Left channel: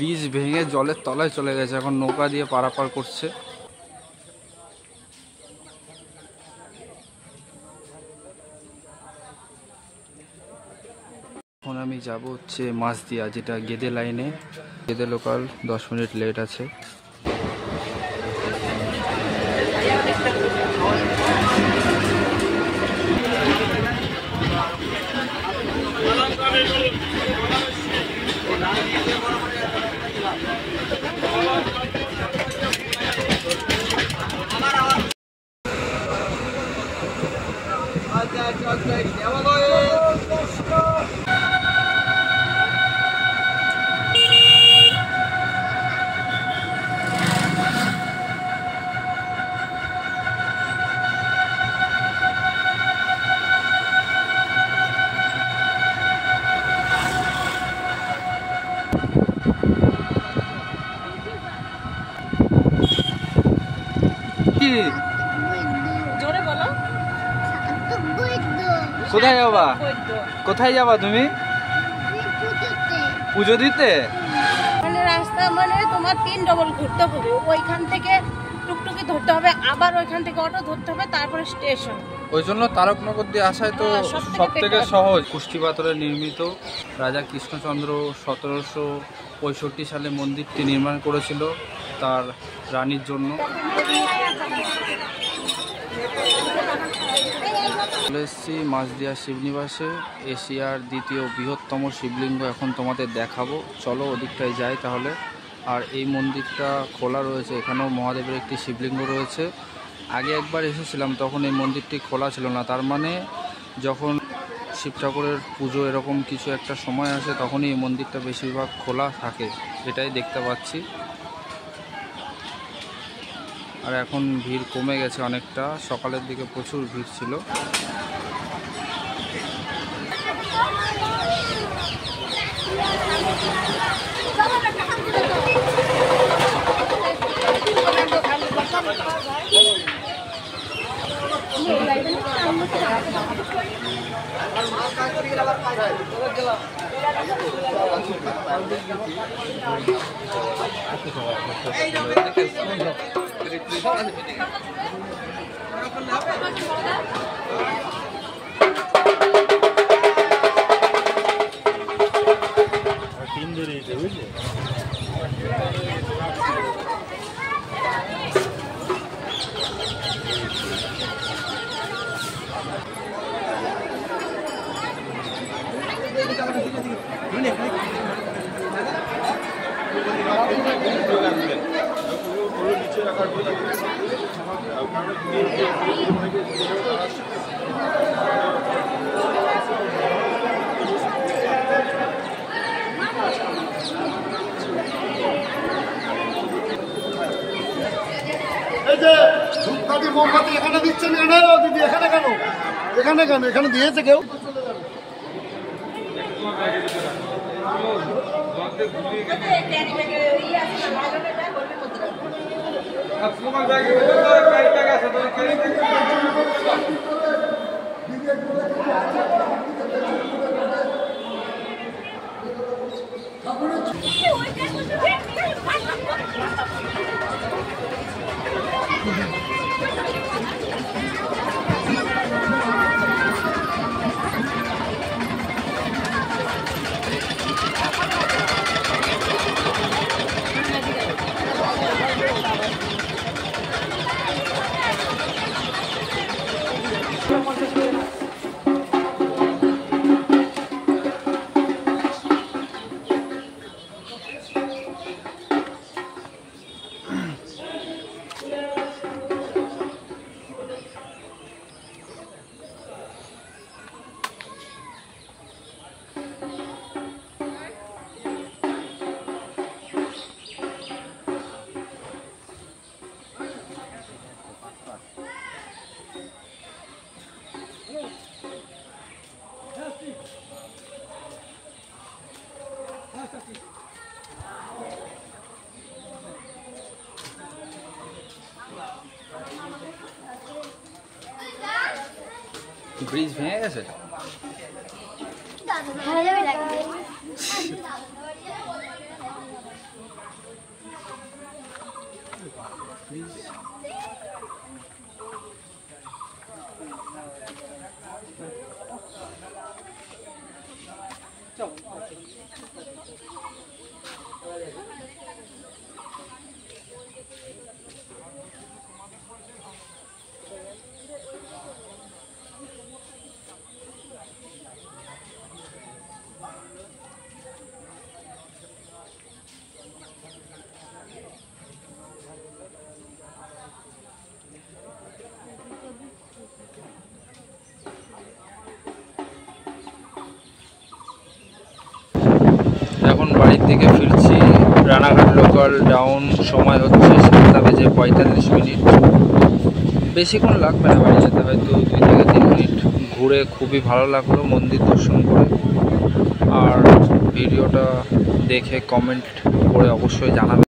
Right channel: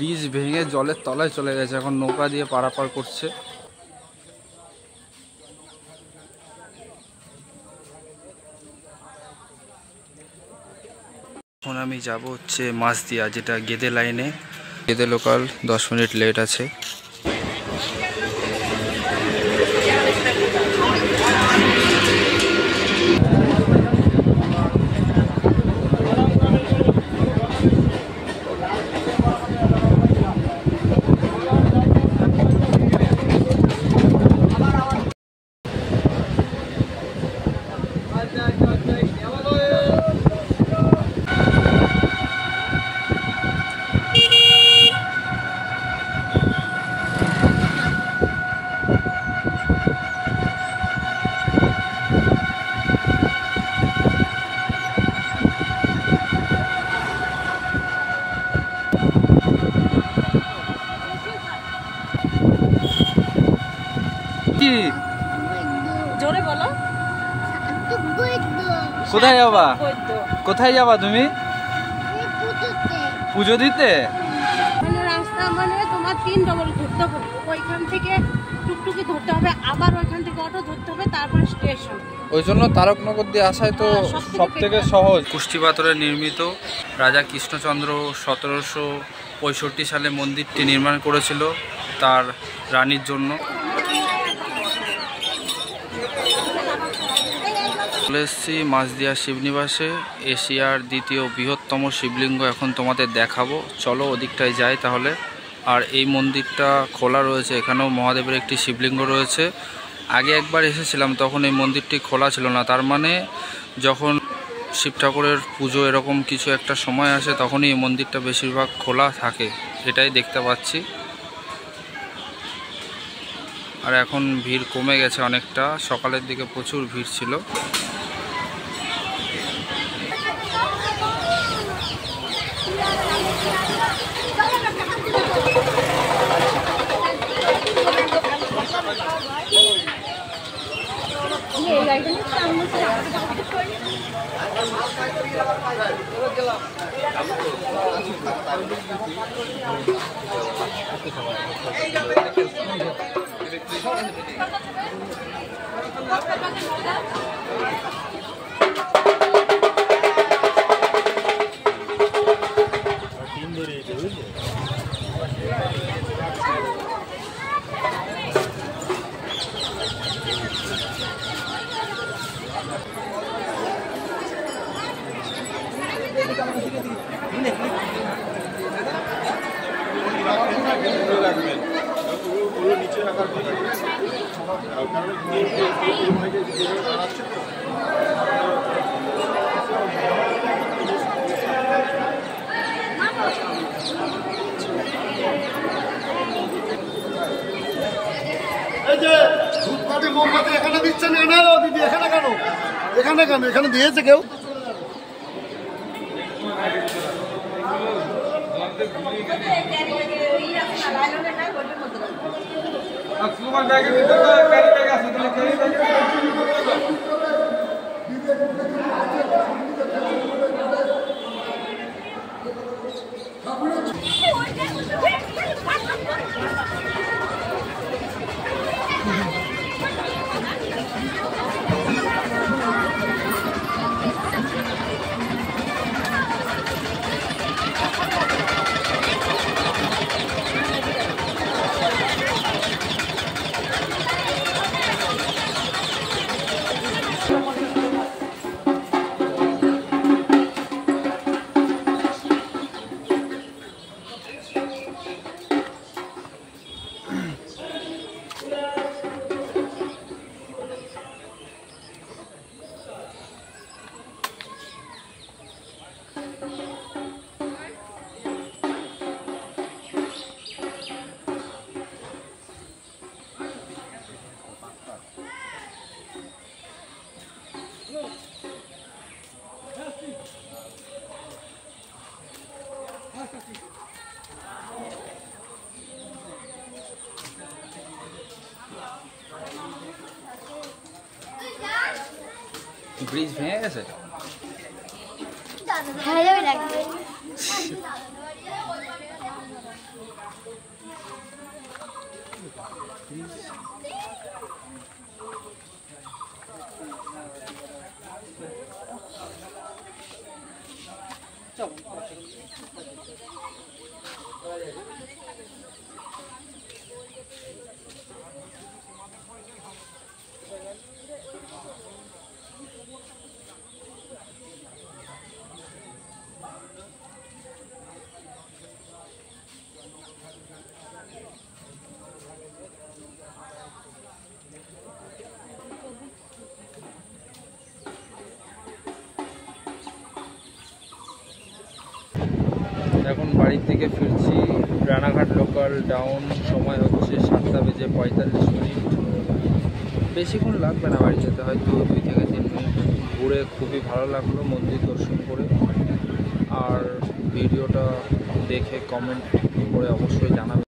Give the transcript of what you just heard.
Bridge ভেঙে জলের তলায় চলে গেছে, এখন নৌকা দিয়ে পারাপার করছে। এখন আমি যাব হচ্ছে মাছদিয়া, যেটা গেদে লাইনে। গেদে লোকাল 10 মিনিট লেট আছে। জোরে বলো। কোথায় যাবা? কোথায় যাবা তুমি? পুজো দিতে। মানে রাস্তা মানে তোমার 3 ডবল ঘুরতে হবে, ওইখান থেকে টুকটুকি ধরতে হবে, আবার ওইখান থেকে অটো ধরতে হবে, তারপরে স্টেশন। ওই জন্য তারকনগর দিয়ে আসায় তো সব থেকে সহজ। কুষ্টি পাথরে নির্মিত রাজা কৃষ্ণচন্দ্র 1765 সালে মন্দিরটি নির্মাণ করেছিল তার রানীর জন্য। চলে এসেছি মাছদিয়া শিবনিবাসে। এশিয়ার দ্বিতীয় বৃহত্তম শিবলিঙ্গ এখন তোমাদের দেখাবো, চলো ওদিকটায় যাই তাহলে। আর এই মন্দিরটা খোলা রয়েছে, এখানেও মহাদেবের একটি শিবলিঙ্গ রয়েছে। আগে একবার এসেছিলাম, তখন এই মন্দিরটি খোলা ছিল না। তার মানে যখন শিব ঠাকুরের পুজো এরকম কিছু একটা সময় আসে, তখনই এই মন্দিরটা বেশিরভাগ খোলা থাকে, এটাই দেখতে পাচ্ছি। আর এখন ভিড় কমে গেছে অনেকটা, সকালের দিকে প্রচুর ভিড় ছিল। এই যে ধূপকাঠি মোমবাতি এখানে দিচ্ছেন, এখানে দিদি এখানে কেন? এখানে কেন? এখানে দিয়েছে কেউ? ব্রিজ ভেঙে গেছে। এখন বাড়ির দিকে ফিরছি। রানাঘাট লোকাল ডাউন, সময় হচ্ছে 7:45। বেশিক্ষণ লাগবে না বাড়ি যেতে, হয়তো 2 থেকে 3 মিনিট। ঘুরে খুবই ভালো লাগলো মন্দির দর্শন করে। আর ভিডিওটা দেখে কমেন্ট করে অবশ্যই জানাবেন।